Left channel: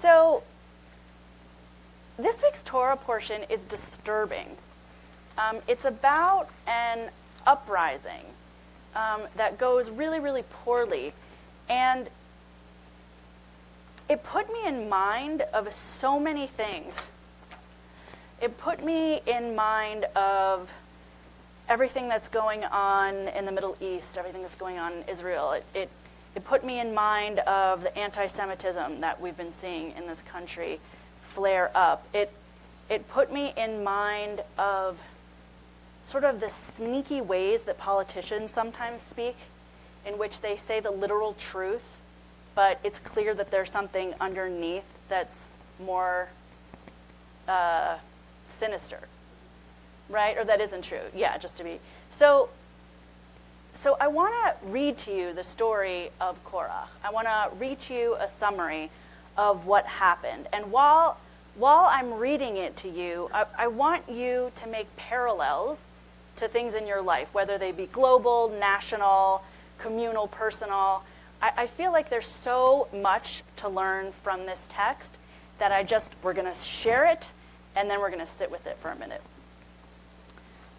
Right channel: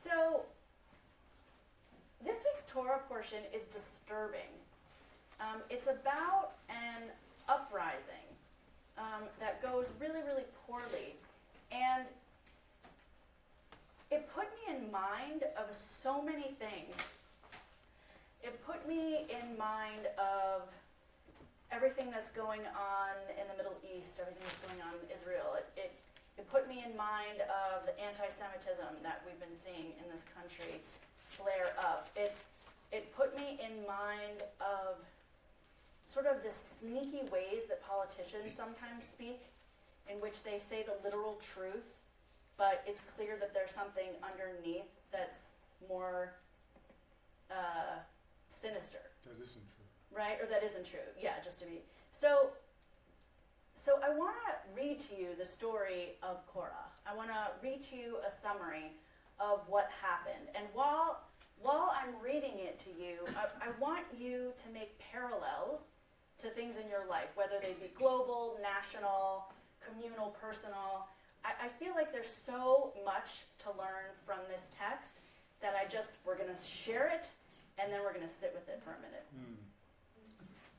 So this week's Torah portion is disturbing. It's about an uprising that goes really, really poorly. And it put me in mind of so many things. It put me in mind of everything that's going on in the Middle East, everything that's going on in Israel. It put me in mind of the anti-Semitism that we've been seeing in this country flare up. It put me in mind of sort of the sneaky ways that politicians sometimes speak, in which they say the literal truth, but it's clear that there's something underneath that's more sinister, right? Or that isn't true. Yeah, just to be. So I want to read to you the story of Korah. I want to read to you a summary of what happened. And while I'm reading it to you, I want you to make parallels to things in your life, whether they be global, national, communal, personal. I feel like there's so much to learn from this text that we're going to share it, and then we're going to sit with it for a minute.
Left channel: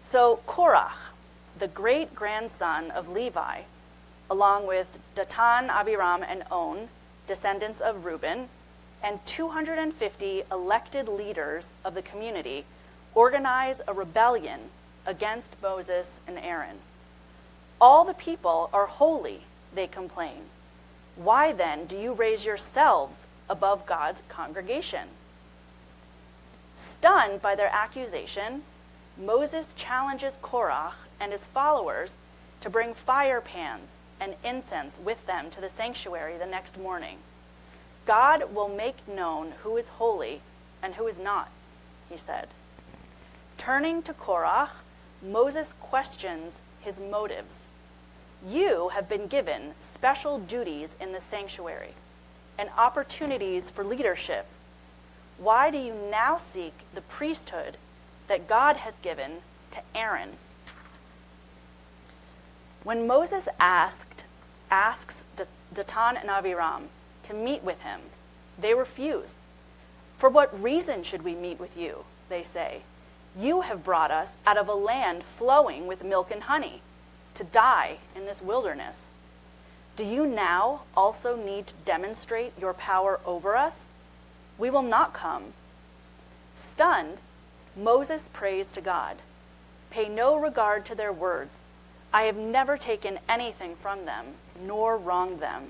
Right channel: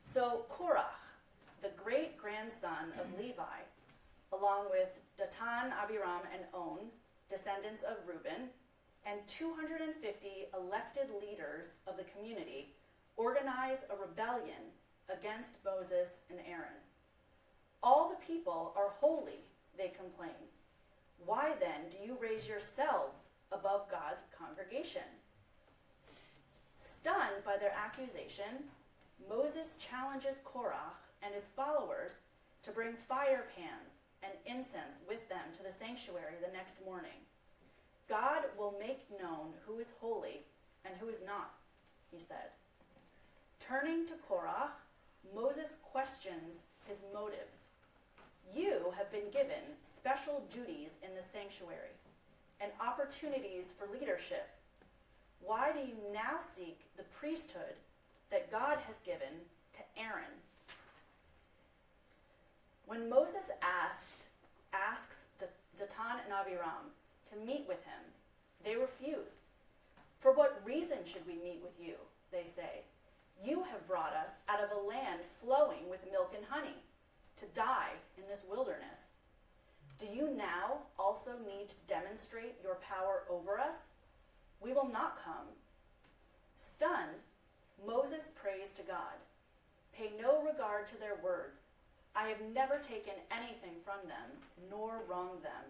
So Korah, the great-grandson of Levi, along with Datan, Abiram, and On, descendants of Reuben, and 250 elected leaders of the community, organize a rebellion against Moses and Aaron. All the people are holy, they complain. Why then do you raise yourselves above God's congregation? Stunned by their accusation, Moses challenges Korah and his followers to bring fire pans and incense with them to the sanctuary the next morning. God will make known who is holy and who is not, he said. Turning to Korah, Moses questions his motives. You have been given special duties in the sanctuary and opportunities for leadership. Why do you now seek the priesthood that God has given to Aaron? When Moses asks Datan and Abiram to meet with him, they refuse. For what reason should we meet with you, they say. You have brought us out of a land flowing with milk and honey to die in this wilderness. Do you now also need to demonstrate your power over us? We will not come. Stunned, Moses prays to God. Pay no regard to their words. I have never taken anything from them, nor wronged them.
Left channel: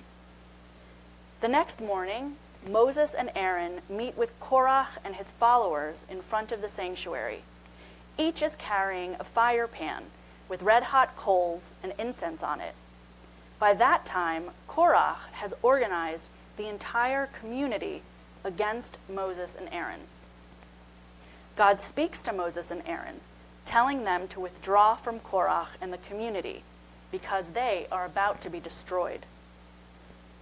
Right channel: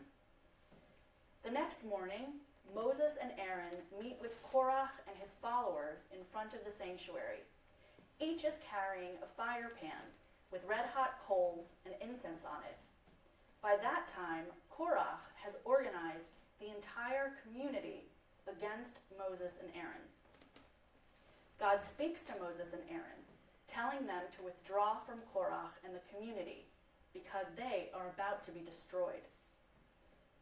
The next morning, Moses and Aaron meet with Korah and his followers in front of the sanctuary. Each is carrying a fire pan with red-hot coals and incense on it. By that time, Korah has organized the entire community against Moses and Aaron. God speaks to Moses and Aaron, telling them to withdraw from Korah and the community because they are about to be destroyed.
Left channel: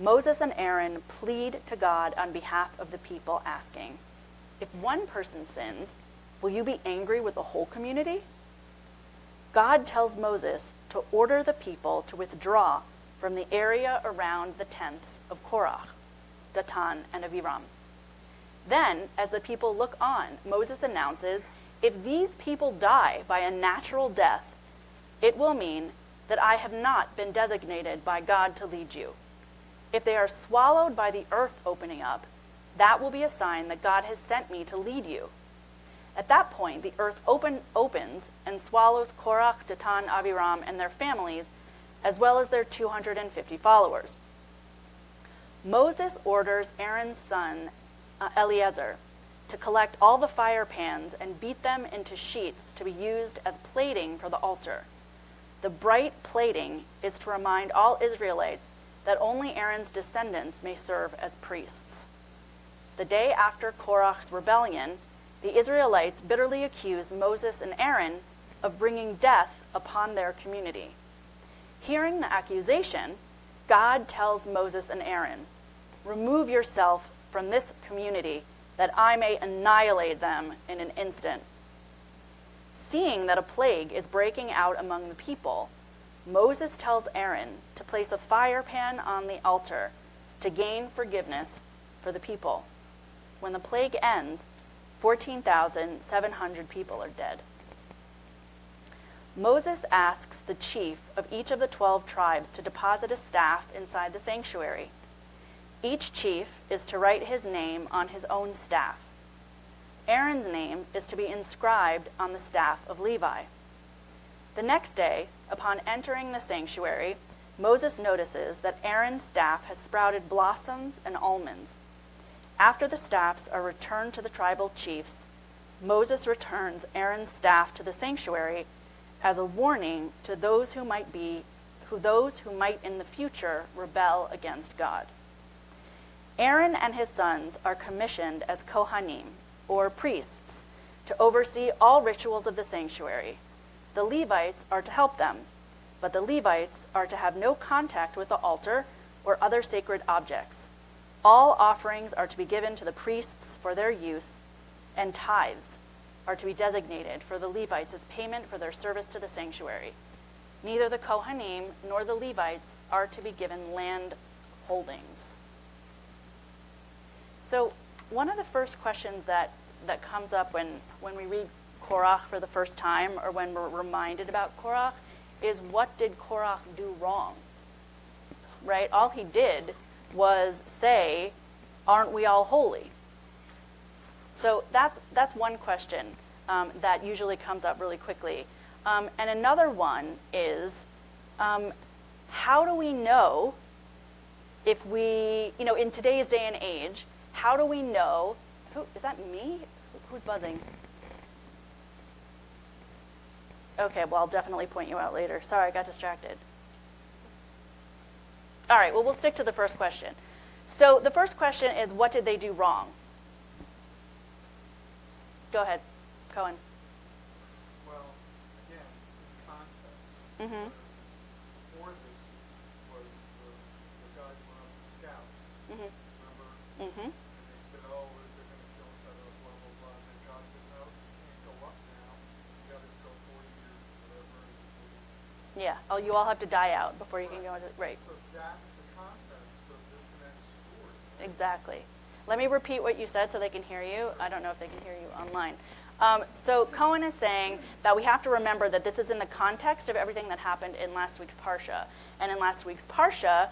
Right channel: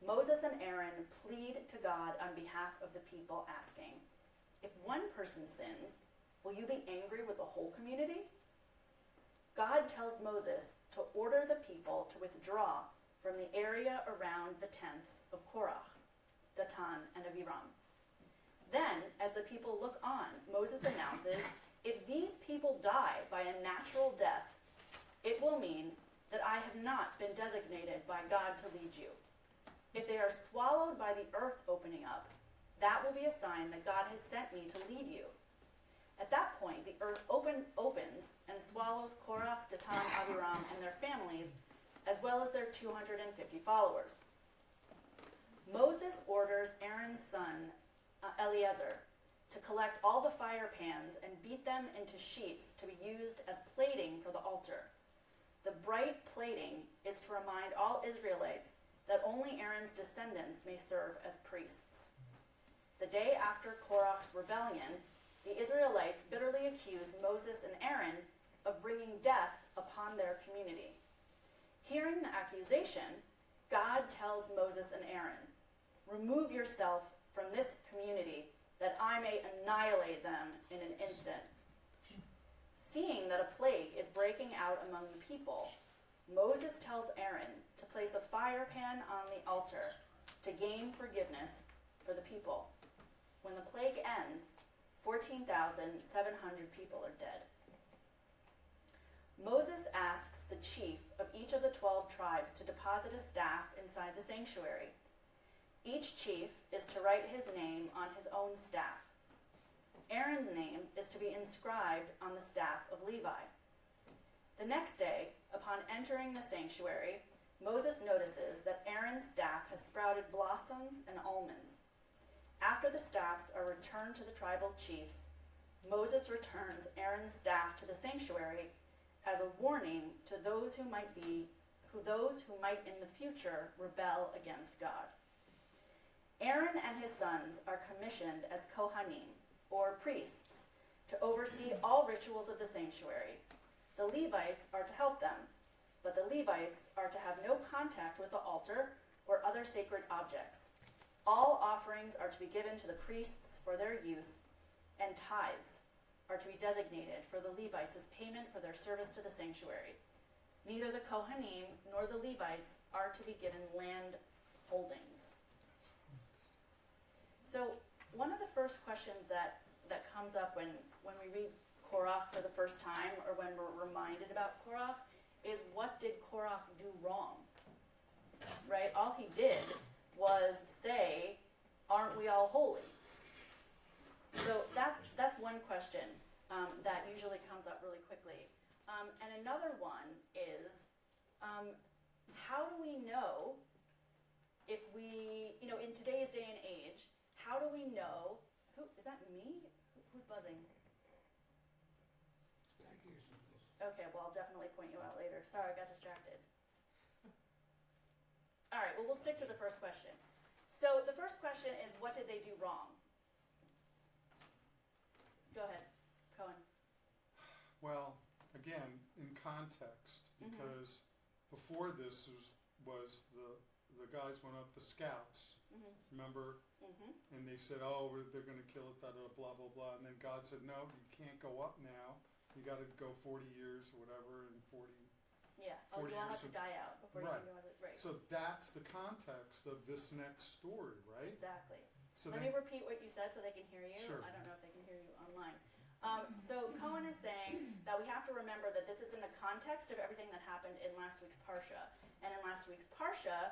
Moses and Aaron plead to God on behalf of the people, asking, if one person sins, will you be angry with the whole community? God tells Moses to order the people to withdraw from the area around the tents of Korah, Datan, and Abiram. Then, as the people look on, Moses announces, if these people die by a natural death, it will mean that I have not been designated by God to lead you. If they are swallowed by the earth opening up, that will be a sign that God has sent me to lead you. At that point, the earth opens and swallows Korah, Datan, Abiram, and their families, as well as their 250 followers. Moses orders Aaron's son, Eleazar, to collect all the fire pans and beat them into sheets to be used as plating for the altar. The bright plating is to remind all Israelites that only Aaron's descendants may serve as priests. The day after Korah's rebellion, the Israelites bitterly accused Moses and Aaron of bringing death upon their community. Hearing the accusation, God tells Moses and Aaron, remove yourself from this community that I may annihilate them in an instant. Seeing that a plague is breaking out among the people, Moses tells Aaron to place a fire pan on the altar to gain forgiveness for the people. when the plague ends, 14,700 people are dead. Moses asks the chief of each of the 12 tribes to deposit a staff inside the sanctuary. Each chief is to write his name on his own staff. Aaron's name is to be inscribed on the staff of Levi. The next day, upon entering the sanctuary, Moses notices that Aaron's staff has sprouted blossoms and almonds. After the staffs are returned to the tribal chiefs, Moses returns Aaron's staff to the sanctuary as a warning to those who might in the future rebel against God. Aaron and his sons are commissioned as Kohanim, or priests, to oversee all rituals of the sanctuary. The Levites are to help them, but the Levites are to have no contact with the altar or other sacred objects. All offerings are to be given to the priests for their use, and tithes are to be designated for the Levites as payment for their service to the sanctuary. Neither the Kohanim nor the Levites are to be given land holdings. So one of the first questions that comes up when we read Korach for the first time, or when we're reminded about Korach, is what did Korach do wrong? Right? All he did was say, aren't we all holy? So that's one question that usually comes up really quickly. And another one is, how do we know if we, in today's day and age, how do we know, is that me? Who's buzzing? Okay, well, I'll definitely point you out later. Sorry, I got distracted. All right, well, we'll stick to the first question. So the first question is, what did they do wrong? Go ahead, Cohen. Well, again, in context, because before this was the guys went out to scouts, remember? And they said, oh, they're going to kill each other, blah, blah, blah. And then God said, no, you can't go up now. You got to go 40 years or whatever. And 40. Yeah, you all have to die out before you can go into, right. So that's the context of this next story, right? Exactly. Let me repeat what you said so they can hear you. I don't know if they can hear you online. So Cohen is saying that we have to remember that this is in the context of everything that happened in last week's Parsha. And in last week's Parsha,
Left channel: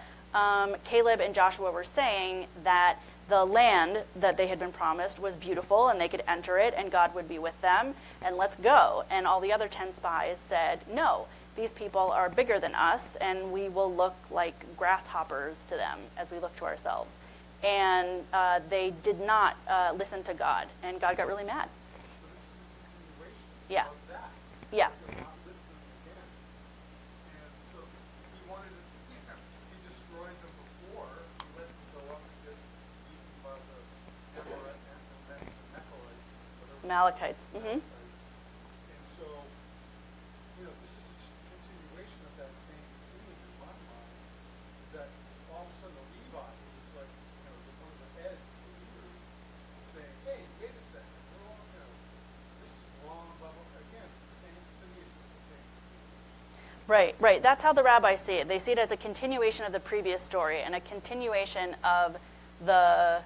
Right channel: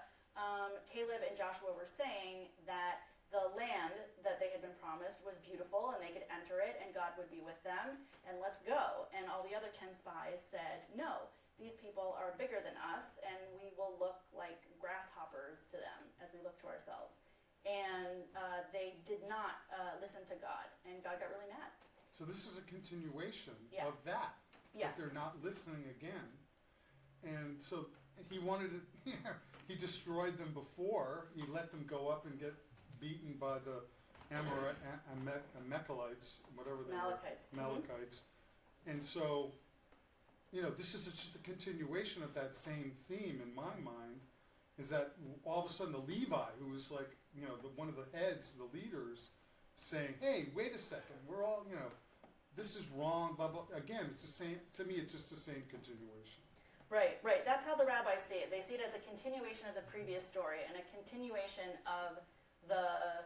Caleb and Joshua were saying that the land that they had been promised was beautiful and they could enter it and God would be with them and let's go. And all the other 10 spies said, no, these people are bigger than us and we will look like grasshoppers to them as we look to ourselves. And they did not listen to God, and God got really mad. So this is a continuation Yeah. of that. Yeah. They're not listening again. And so he wanted to, he destroyed them before. He let them go up and get beaten by the Amalekites, whatever. Amalekites. Amalekites. And so, this is just a continuation of that same theme in my mind, is that all of a sudden the Levi, who was like, one of the heads, the leaders, saying, hey, wait a second, we're all, this is wrong, blah, blah. Again, it's the same, to me, it's just the same continuation. Right. That's how the rabbis see it. They see it as a continuation of the previous story and a continuation of the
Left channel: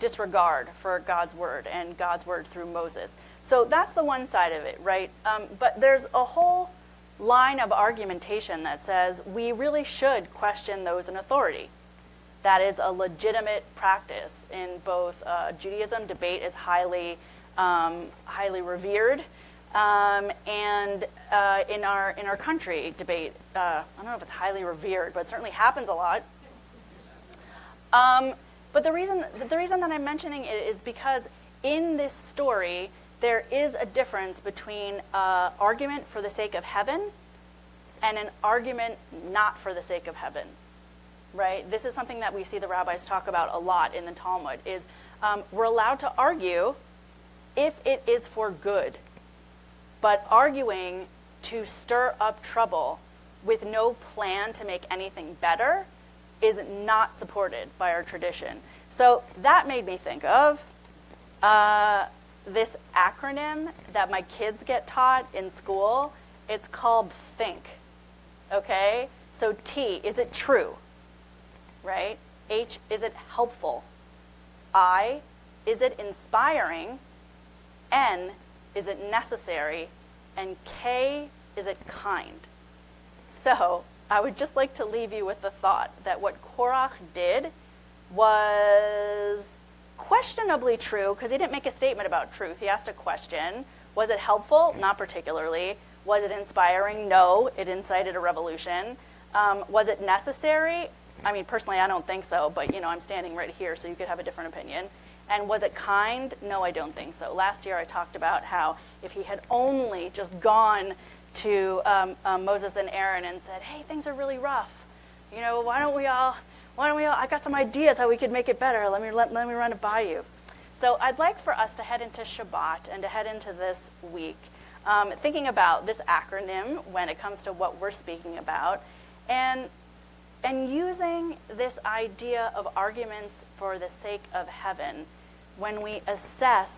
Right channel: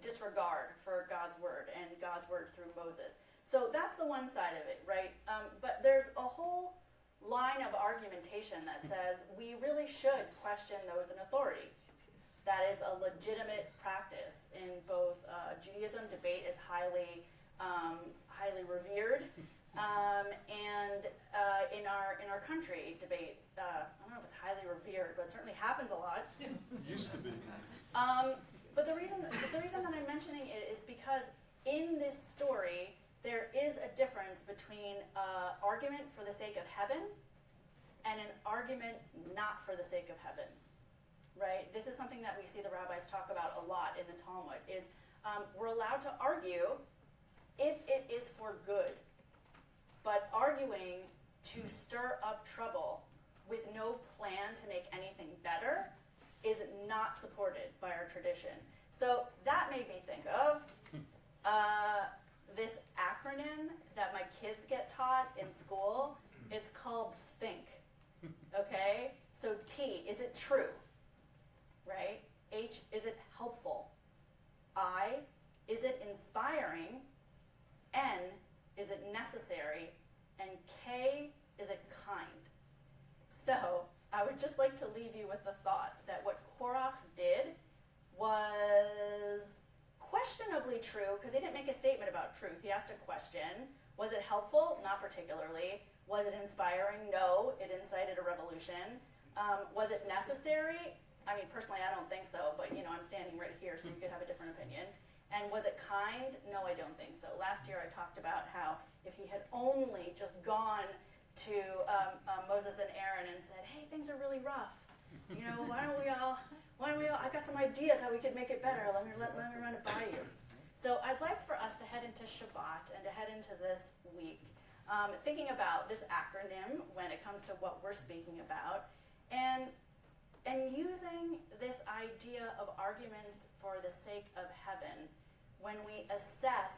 disregard for God's word and God's word through Moses. So that's the one side of it, right? But there's a whole line of argumentation that says we really should question those in authority. That is a legitimate practice in both Judaism. Debate is highly revered, and in our country, debate. I don't know if it's highly revered, but it certainly happens a lot. It used to be. But the reason that I'm mentioning it is because in this story there is a difference between argument for the sake of heaven and an argument not for the sake of heaven. Right? This is something that we see the rabbis talk about a lot in the Talmud, is we're allowed to argue if it is for good. But arguing to stir up trouble with no plan to make anything better is not supported by our tradition. So that made me think of this acronym that my kids get taught in school. It's called THINK. Okay? So T, is it true? Right? H, is it helpful? I, is it inspiring? N, is it necessary? And K, is it kind? So I would just like to leave you with the thought that what Korach did was questionably true, because he didn't make a statement about truth. He asked a question. Was it helpful? Not particularly. Was it inspiring? No. It incited a revolution. Was it necessary? I mean, personally, I don't think so, but I'm standing right here, so you could have a different opinion. And was it kind? No, I don't think so. Last year I talked about how if he had only just gone to Moses and Aaron and said, hey, things are really rough. Why don't we all, I got some ideas how we could make it better. Let me run it by you. So I'd like for us to head into Shabbat and to head into this week, thinking about this acronym when it comes to what we're speaking about, and using this idea of arguments for the sake of heaven when we assess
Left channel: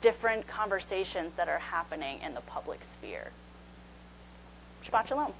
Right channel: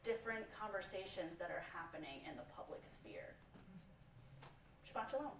different conversations that are happening in the public sphere. Shabbat Shalom.